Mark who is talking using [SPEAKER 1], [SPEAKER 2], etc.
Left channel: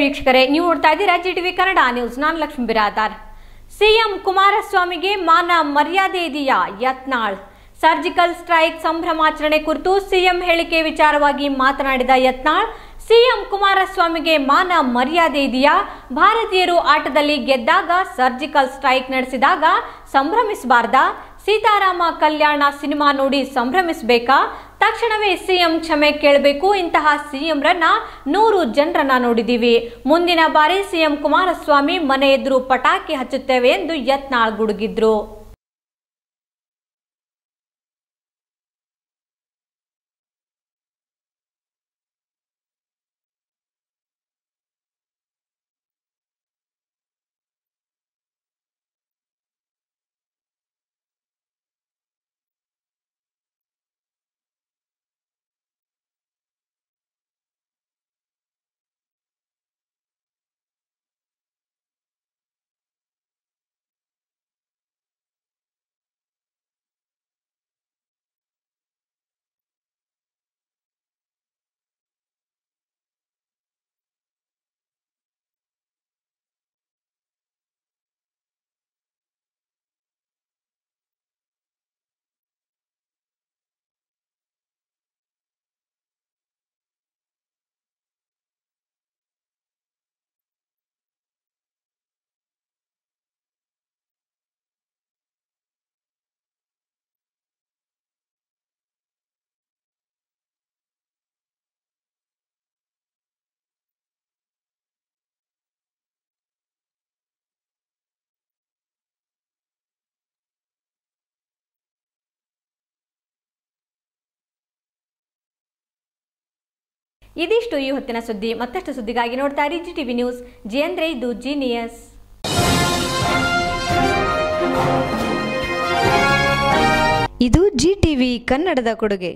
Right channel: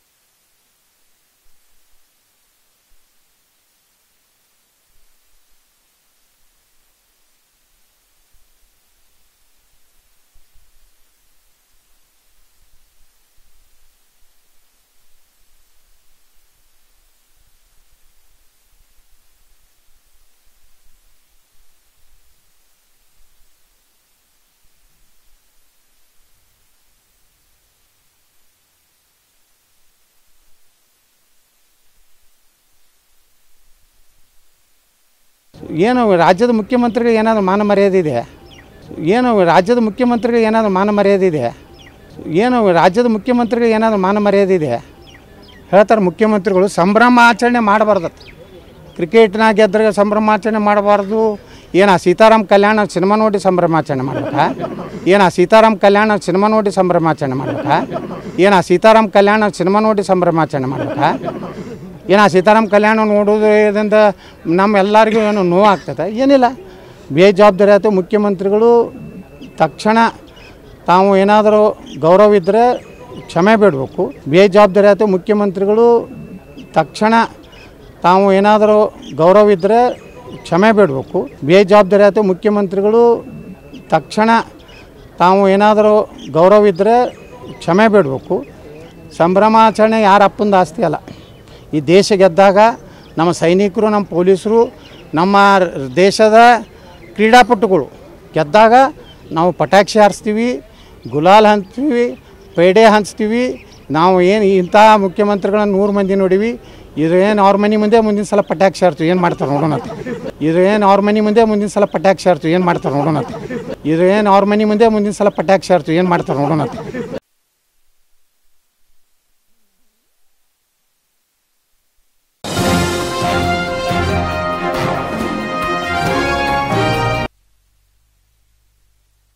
[SPEAKER 1] ವೀಕ್ಷಕರೇ, ನೀವು ನೋಡ್ತಾ ಇದ್ದೀರಾ ಜಿ ಟಿವಿ ಕನ್ನಡ ನ್ಯೂಸ್ ನಾನು ಲಕ್ಷ್ಮೀ ಬಿರಾದಾರ್. ಸಿಎಂ ಕುಮಾರಸ್ವಾಮಿಗೆ ಮಾನ ಮರ್ಯಾದೆ ಇದೆಯಾ? ಯತ್ನಾಳ್. ಸರ್ಜಿಕಲ್ ಸ್ಟ್ರೈಕ್ ಸಂಭ್ರಮಾಚರಣೆ ಕುರಿತು ಸಿಎಂ ಹೇಳಿಕೆ ವಿಚಾರವಾಗಿ ಮಾತನಾಡಿದ ಯತ್ನಾಳ್, ಸಿಎಂ ಕುಮಾರಸ್ವಾಮಿಗೆ ಮಾನ ಮರ್ಯಾದೆ ಇದೆಯಾ? ಭಾರತೀಯರು ಆಟದಲ್ಲಿ ಗೆದ್ದಾಗ, ಸರ್ಜಿಕಲ್ ಸ್ಟ್ರೈಕ್ ನಡೆಸಿದಾಗ ಸಂಭ್ರಮಿಸಬಾರ್ದಾ? ಸೀತಾರಾಮ ಕಲ್ಯಾಣ ಸಿನಿಮಾ ನೋಡಿ ಸಂಭ್ರಮಿಸಬೇಕಾ? ತಕ್ಷಣವೇ ಸಿಎಂ ಕ್ಷಮೆ ಕೇಳಬೇಕು. ಇಂತಹ ಸಿಎಂರನ್ನ ನೂರು ಜನರನ್ನ ನೋಡಿದ್ದೀವಿ ಮುಂದಿನ ಬಾರಿ ಸಿಎಂ ಕುಮಾರಸ್ವಾಮಿ ಮನೆ ಎದುರು ಪಟಾಕಿ ಹಚ್ಚುತ್ತೇವೆ ಎಂದು ಯತ್ನಾಳ್ ಗುಡುಗಿದ್ರು.
[SPEAKER 2] ಏನು ರಾಜ್ಯದ ಮುಖ್ಯಮಂತ್ರಿಗಳು ಏನಾದರೂ ಮಾನ ಮರ್ಯಾದೆ ಇದೆ? ಏನು ರಾಜ್ಯದ ಮುಖ್ಯಮಂತ್ರಿಗಳು ಏನಾದರೂ ಮಾನ ಮರ್ಯಾದೆ ಇದೆ? ಏನು ರಾಜ್ಯದ ಮುಖ್ಯಮಂತ್ರಿಗಳು ಏನಾದರೂ ಮಾನ ಮರ್ಯಾದೆ ಇದೆ? ಹೇಳ್ತಾರೆ ಮುಖ್ಯಮಂತ್ರಿಗಳು, ಸಂಭ್ರಮಾಚರಣೆ ಮಾಡಬಾರ್ದು. ಕ್ರಿಕೆಟ್ನಾಗ ಗೆದ್ದರೆ ಸಂಭ್ರಮಾಚರಣೆ ಮಾಡಬಾರ್ದು. ಏನ ಸೀತಾರಾಮ್ ಕಲ್ಯಾಣ ಸಿನಿಮಾ ನೋಡಿ ಸಂಭ್ರಮಾಚರಣೆ ಮಾಡ್ಬೇಕಾ? ಏನ ಸೀತಾರಾಮ್ ಕಲ್ಯಾಣ ಸಿನಿಮಾ ನೋಡಿ ಸಂಭ್ರಮಾಚರಣೆ ಮಾಡ್ಬೇಕಾ? ಏನ ಸೀತಾರಾಮ್ ಕಲ್ಯಾಣ ಸಿನಿಮಾ ನೋಡಿ ಸಂಭ್ರಮಾಚರಣೆ ಮಾಡ್ಬೇಕಾ? ಏನ ಸೀತಾರಾಮ್ ಕಲ್ಯಾಣ ನೋಡೋದ್ರಿಂದ ನಮ್ಮೆಲ್ಲರಿಗೂ ಏನು ನೋವಾಗ್ತದೆ ಏನಿಲ್ಲ. ಬೇಜವಾಬ್ದಾರಿ ಆಯಿತು. ಮುಖ್ಯಮಂತ್ರಿಗಳು ತಕ್ಷಣ ತಾವು ಏನಾದರೂ ಗೌರವ ಇದ್ದರೆ ಕ್ಷಮೆ ಬಿಡಬೇಕು. ಬೇಜವಾಬ್ದಾರಿ ಆಯಿತು. ಮುಖ್ಯಮಂತ್ರಿಗಳು ತಕ್ಷಣ ತಾವು ಏನಾದರೂ ಗೌರವ ಇದ್ದರೆ ಕ್ಷಮೆ ಬೇಡಬೇಕು. ಬೇಜವಾಬ್ದಾರಿ ಆಯಿತು, ಮುಖ್ಯಮಂತ್ರಿಗಳು ತಕ್ಷಣ ತಾವು ಏನಾದರೂ ಗೌರವ ಇದ್ದರೆ ಕ್ಷಮೆ ಬೇಡಬೇಕು. ಸಂಭ್ರಮಾಚರಣೆ ಯಾರ ಅಪ್ಪಂದು ಆಸ್ತಿ ಅಲ್ಲ. ಈ ದೇಶ ಗೆದ್ದಾಗ ನಮ್ಮ ಸೈನಿಕರು, ನಮ್ಮ ಪೊಲೀಸರು, ನಮ್ಮ ದೇಶದ ಕ್ರೀಡಾಪಟುಗಳು ಗೆದ್ದಾಗ ನಾವು ಪಟಾಕ್ಷಿ ಹಾರಿಸ್ತೀವಿ, ಗುಲಾಲ್ ಹಂಚ್ತೀವಿ, ಪೇಡೆ ಹಂಚ್ತೀವಿ, ನಾವು ಏನು ಇಂಥ ಮುಖ್ಯಮಂತ್ರಿಗಳನ್ನ ನೂರು ಮಂದಿ ನೋಡಿವಿ. ಇದು ಏನು ಅವ್ರ ಮನೆ ಮುಂದೆ ಮುಂದಿನ ಸಲ ಪಟಾಕ್ಷಿ ಹಾರ್ತೀವಿ ಏನು ಮಾಡ್ತಾರೆ ನೋಡೋಣ ಅಂತ. ಇದು ಏನು ಅವ್ರ ಮನೆ ಮುಂದೆ ಮುಂದಿನ ಸಲ ಪಟಾಕ್ಷಿ ಹಾರ್ತೀವಿ ಏನು ಮಾಡ್ತಾರೆ ನೋಡೋಣ ಅಂತ. ಇದು ಏನು ಅವ್ರ ಮನೆ ಮುಂದೆ ಮುಂದಿನ ಸಲ ಪಟಾಕ್ಷಿ ಹಾರ್ತೀವಿ ಏನು ಮಾಡ್ತಾರೆ ನೋಡೋಣ ಅಂತ.
[SPEAKER 1] ಇದಿಷ್ಟು ಈ ಹೊತ್ತಿನ ಸುದ್ದಿ ಮತ್ತಷ್ಟು ಸುದ್ದಿಗಾಗಿ ನೋಡ್ತಾ ಇರಿ ಜಿ ಟಿವಿ ನ್ಯೂಸ್ ಜಿ ಅಂದ್ರೆ ಇದು ಜೀನಿಯಸ್
[SPEAKER 3] ಇದು ಜಿ ಟಿವಿ ಕನ್ನಡದ ಕೊಡುಗೆ